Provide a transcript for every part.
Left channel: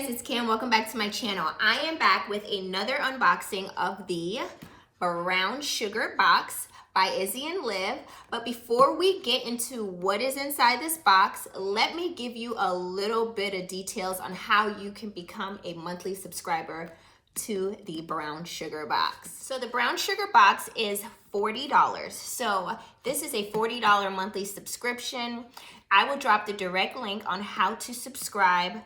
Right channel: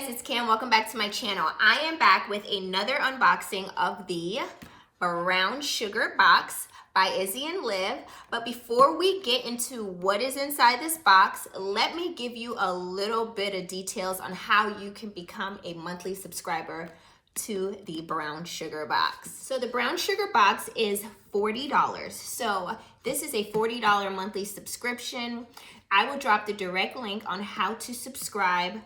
guys, it's Cam. Welcome back to my channel. I am back with another unboxing of the Brown Sugar Box by IZZY and LIV. But before we get into what is inside this box, let me give you a little bit of details on how you can become a monthly subscriber to the Brown Sugar Box. So the Brown Sugar Box is $40. So this is a $40 monthly subscription. I will drop the direct link on how to subscribe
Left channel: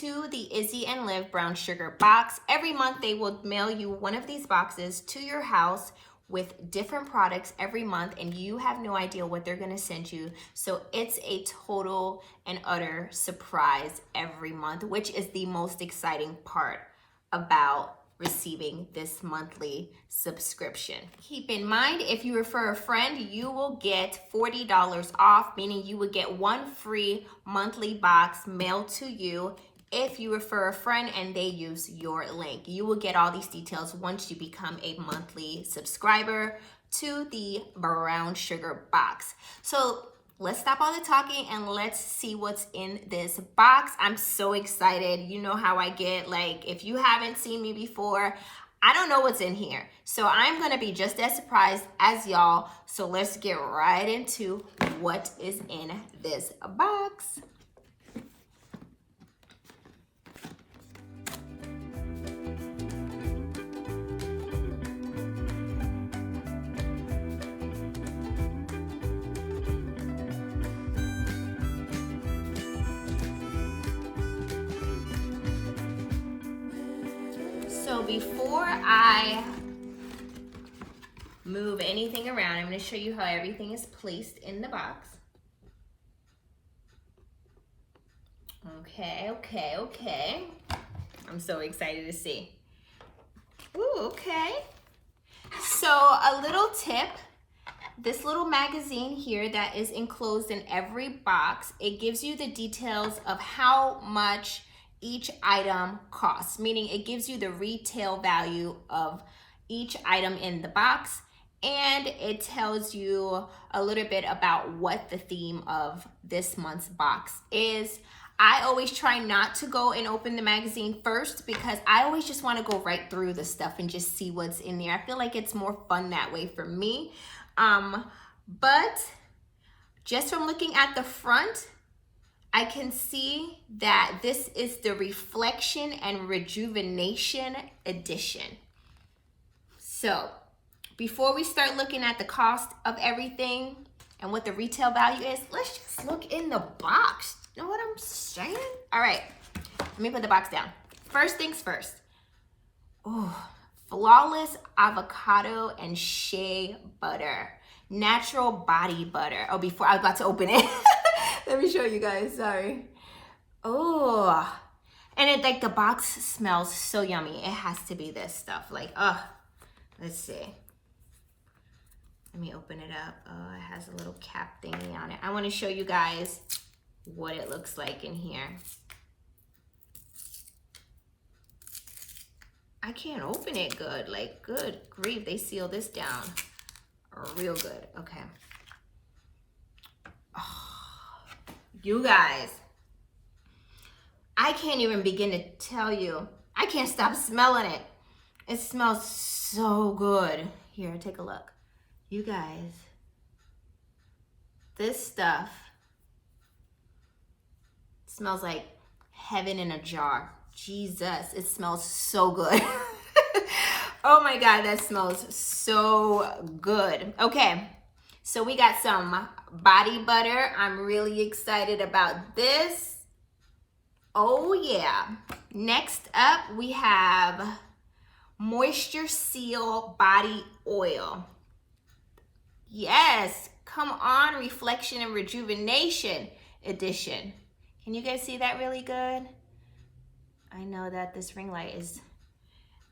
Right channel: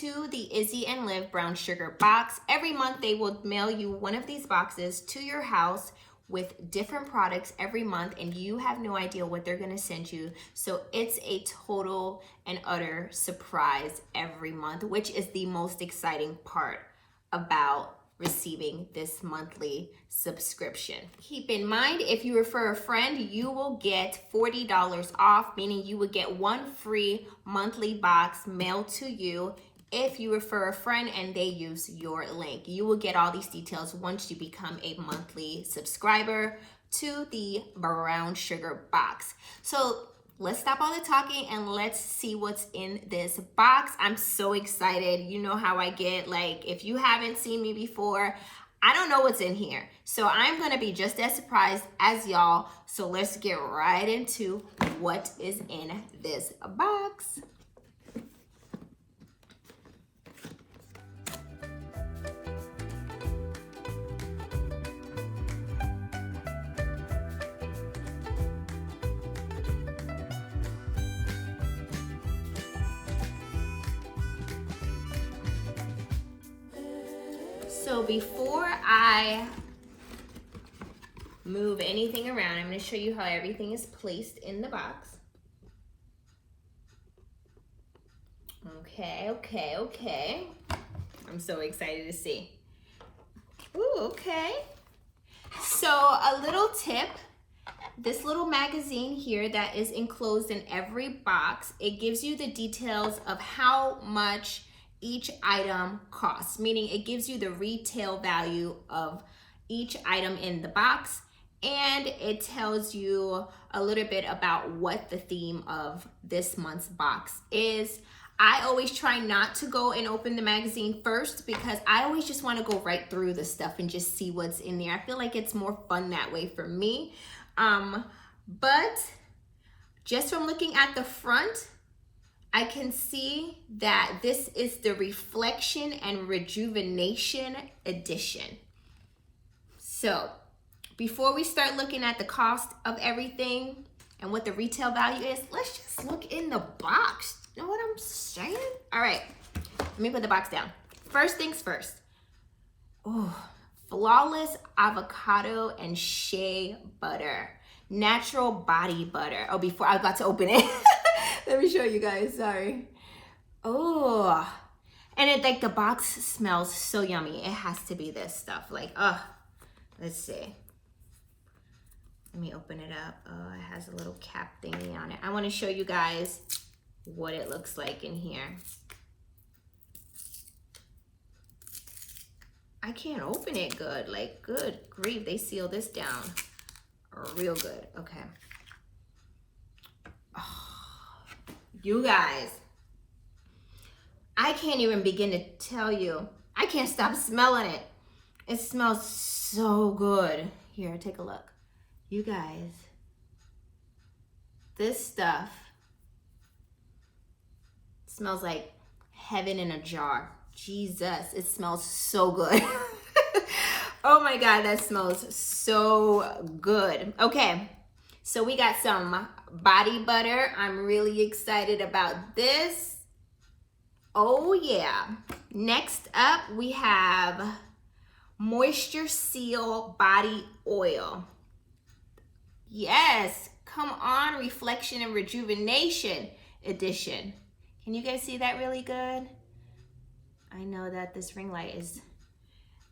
to the IZZY and LIV Brown Sugar Box. Every month they will mail you one of these boxes to your house with different products every month, and you have no idea what they're gonna send you. So it's a total and utter surprise every month, which is the most exciting part about receiving this monthly subscription. Keep in mind, if you refer a friend, you will get $40 off, meaning you would get one free monthly box mailed to you if you refer a friend and they use your link. You will get all these details once you become a monthly subscriber to the Brown Sugar Box. So let's stop all the talking and let's see what's in this box. I'm so excited. You know how I get, like, if you haven't seen me before, I don't know what's in here. So I'm gonna be just as surprised as y'all. So let's get right into what is in this box. So before I move anything around, I'm going to show you how everything is placed in the box. Okay. I'm so excited to see. Ooh, okay. So a little tip, this little magazine here that is enclosed in every box, it gives you the details of how much each item costs, meaning it gives you the retail value of each item in the box, and it tells you a little bit about what the theme of this month's box is. I always try not to go and open the magazine first because I always just want to go right through the stuff and just see what's in there. I feel like it's more fun that way for me. But just from looking at the front, I can see that this is the Reflection and Rejuvenation edition. So before we start looking at the cost of everything and what the retail value is, let's just look in the box. You know what I'm saying? All right, let me put the box down. First things first. Oh, Flawless Avocado and Shea Butter. Natural Body Butter. Oh, before I was about to open it. Let me show you guys, sorry. Oh, and it, like, the box smells so yummy. It has to be this stuff, like, let's see. Let me open it up. Oh, it has a little cap thingy on it. I wanna show you guys what it looks like in here. I can't open it good, like, good grief, they seal this down real good, okay. You guys, I can't even begin to tell you. I can't stop smelling it. It smells so good. Here, take a look. You guys, this stuff smells like heaven in a jar. Jesus, it smells so good. Oh my God, that smells so good. Okay. So we got some body butter. I'm really excited about this. Oh yeah. Next up, we have Moisture Seal Body Oil. Yes, come on, Reflection and Rejuvenation edition. Can you guys see that really good? I know that this ring light is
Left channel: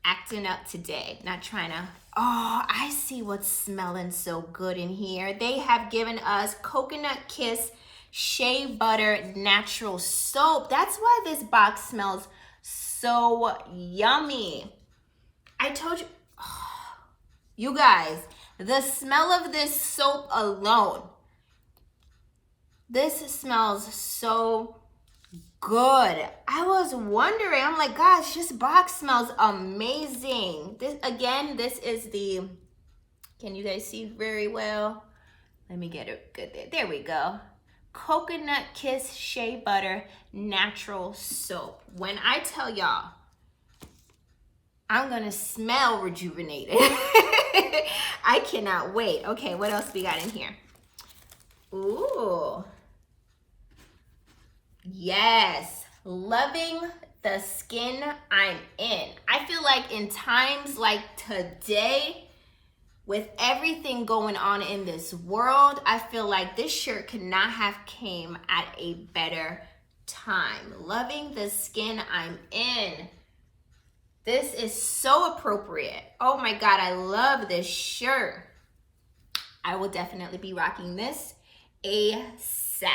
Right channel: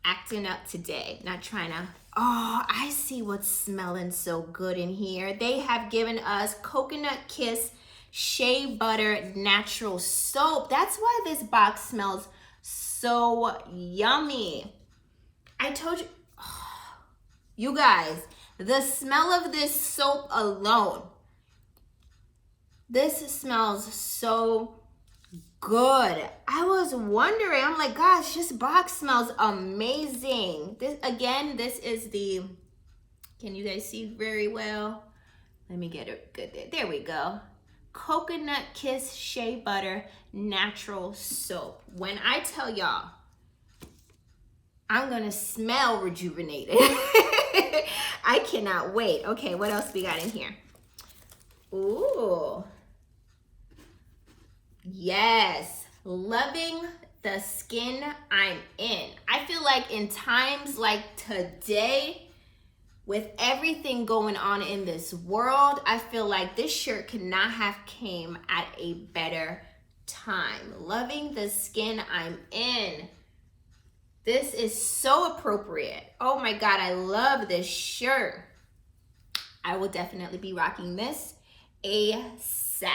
acting up today, not trying to. Oh, I see what's smelling so good in here. They have given us Coconut Kiss Shea Butter Natural Soap. That's why this box smells so yummy. I told you, you guys, the smell of this soap alone, this smells so good. I was wondering, I'm like, gosh, this box smells amazing. This is the, can you guys see very well? Let me get it good there. There we go. Coconut Kiss Shea Butter Natural Soap. When I tell y'all, I'm gonna smell rejuvenated. I cannot wait. Okay, what else we got in here? Ooh. Yes, loving the skin I'm in. I feel like in times like today, with everything going on in this world, I feel like this shirt could not have came at a better time. Loving the skin I'm in. This is so appropriate. Oh my God, I love this shirt. I will definitely be rocking this ASAP.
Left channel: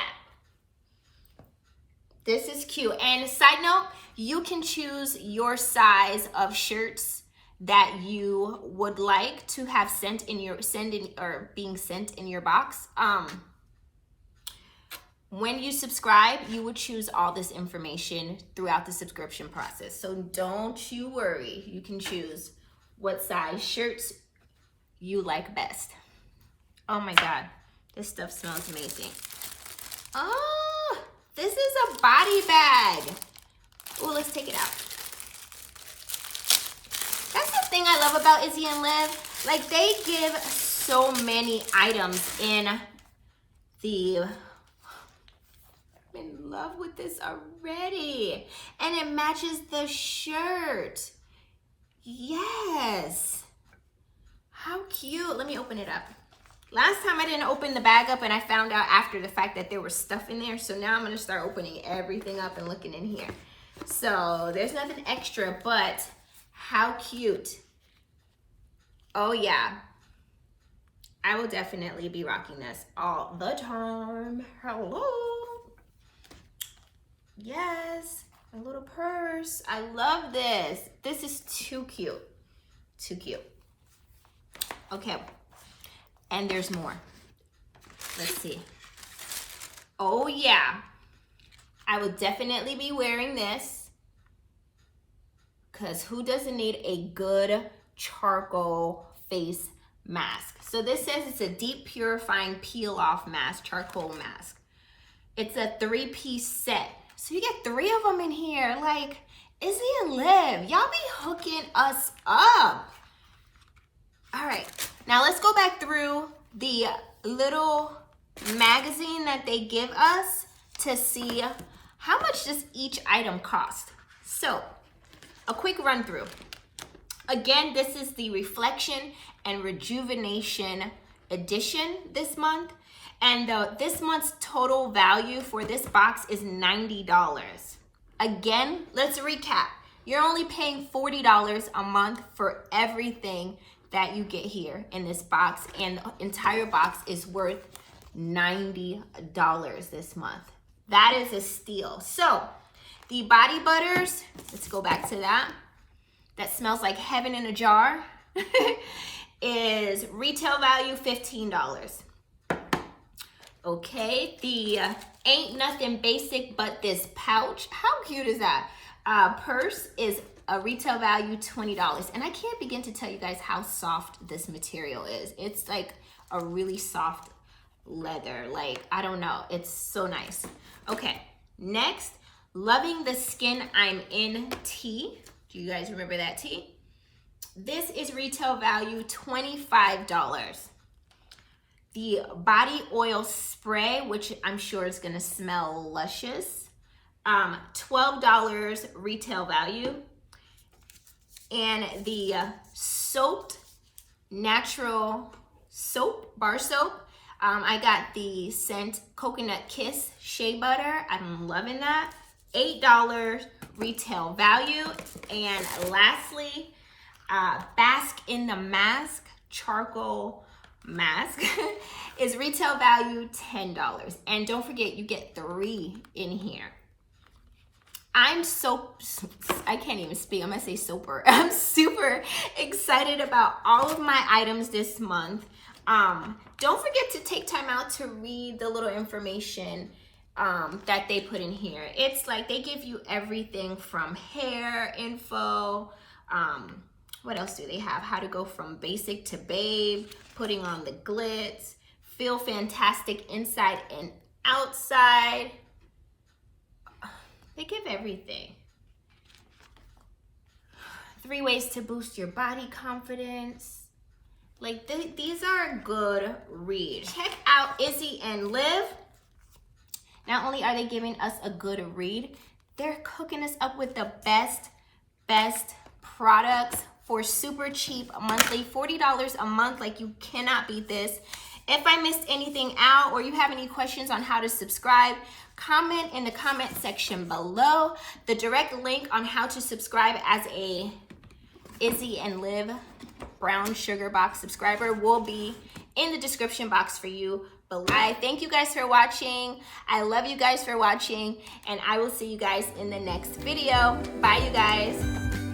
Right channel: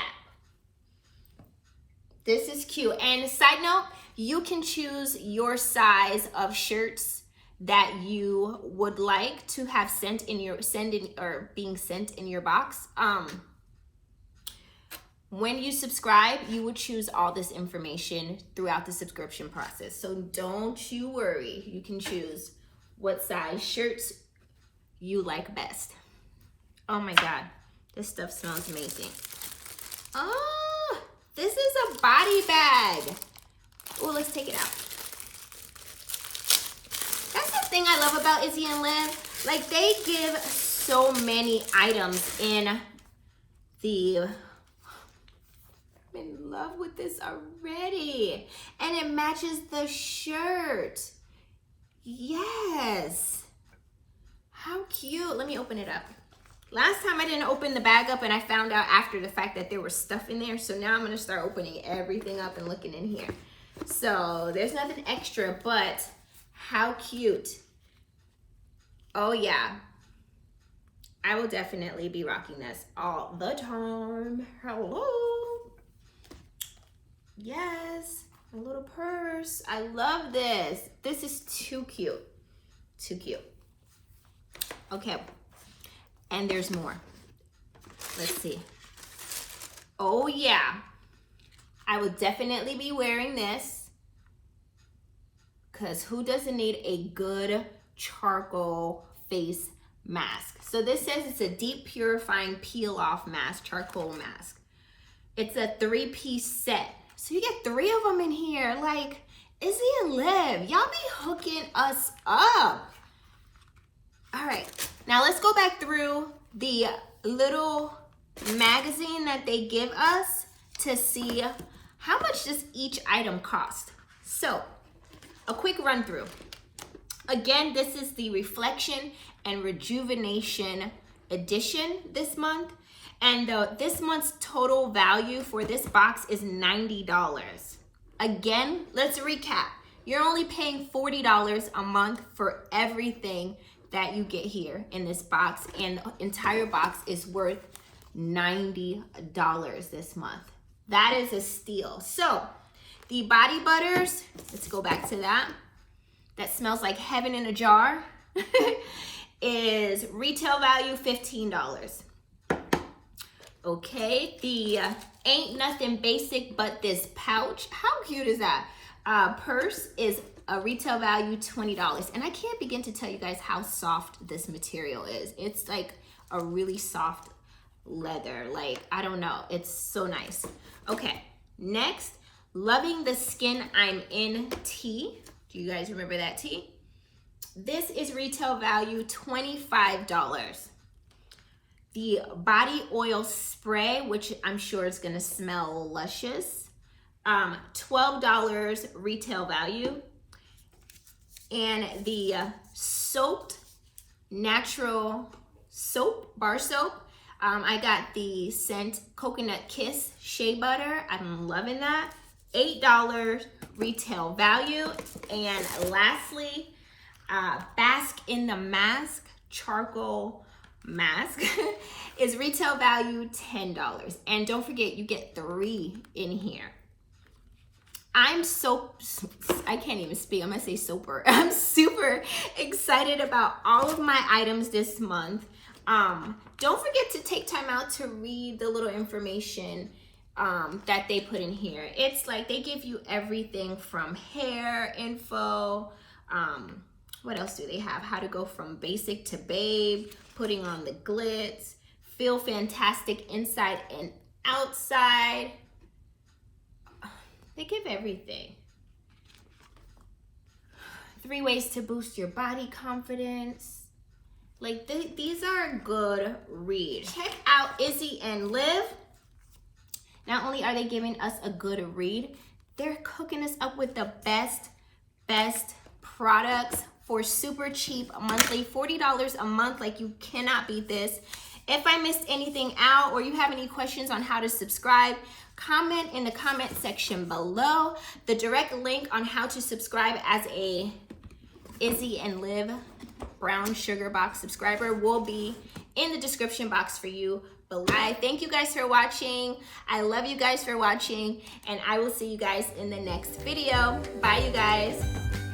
This is cute. And side note, you can choose your size of shirts that you would like to have being sent in your box. When you subscribe, you would choose all this information throughout the subscription process. So don't you worry. You can choose what size shirts you like best. Oh my God, this stuff smells amazing. Oh, this is a body bag. Oh, let's take it out. That's the thing I love about IZZY and Liv. Like, they give so many items in the... I'm in love with this already. And it matches the shirt. Yes. How cute. Let me open it up. Last time I didn't open the bag up and I found out after the fact that there was stuff in there. So now I'm going to start opening everything up and looking in here. So there's nothing extra, but how cute. Oh yeah. I will definitely be rocking this all the time. Hello. Yes, a little purse. I love this. This is too cute. Too cute. Okay. And there's more. Let's see. Oh yeah. I would definitely be wearing this because who doesn't need a good charcoal face mask? So this says it's a deep purifying peel off mask, charcoal mask. It's a 3-piece set. So you get 3 of them in here. Like, IZZY and Liv, y'all be hooking us up. All right, now let's go back through the little magazine that they give us to see how much does each item cost. So, a quick run through. Again, this is the Reflection and Rejuvenation edition this month. And this month's total value for this box is $90. Again, let's recap. You're only paying $40 a month for everything that you get here in this box. And the entire box is worth $90 this month. That is a steal. So the body butters, let's go back to that. That smells like heaven in a jar. Is retail value $15. Okay, the Ain't Nothing Basic But This Pouch. How cute is that? Purse is a retail value $20. And I can't begin to tell you guys how soft this material is. It's like a really soft leather. Like, I don't know. It's so nice. Okay, next, Loving the Skin I'm In tee. Do you guys remember that tee? This is retail value $25. The body oil spray, which I'm sure is gonna smell luscious, $12 retail value. And the soaped natural soap, bar soap, I got the scent Coconut Kiss Shea Butter. I'm loving that. $8 retail value. And lastly, Bask in the Mask charcoal mask is retail value $10. And don't forget, you get 3 in here. I can't even speak. I'm gonna say super. I'm super excited about all of my items this month. Don't forget to take time out to read the little information that they put in here. It's like they give you everything from hair info. What else do they have? How to go from basic to babe, putting on the glitz, feel fantastic inside and outside. They give everything. 3 ways to boost your body confidence. Like these are a good read. Check out IZZY and LIV. Not only are they giving us a good read, they're cooking us up with the best products for super cheap monthly, $40 a month. Like, you cannot beat this. If I missed anything out or you have any questions on how to subscribe, comment in the comment section below. The direct link on how to subscribe as a IZZY and LIV brown sugar box subscriber will be in the description box for you below. I thank you guys for watching. I love you guys for watching, and I will see you guys in the next video. Bye, you guys.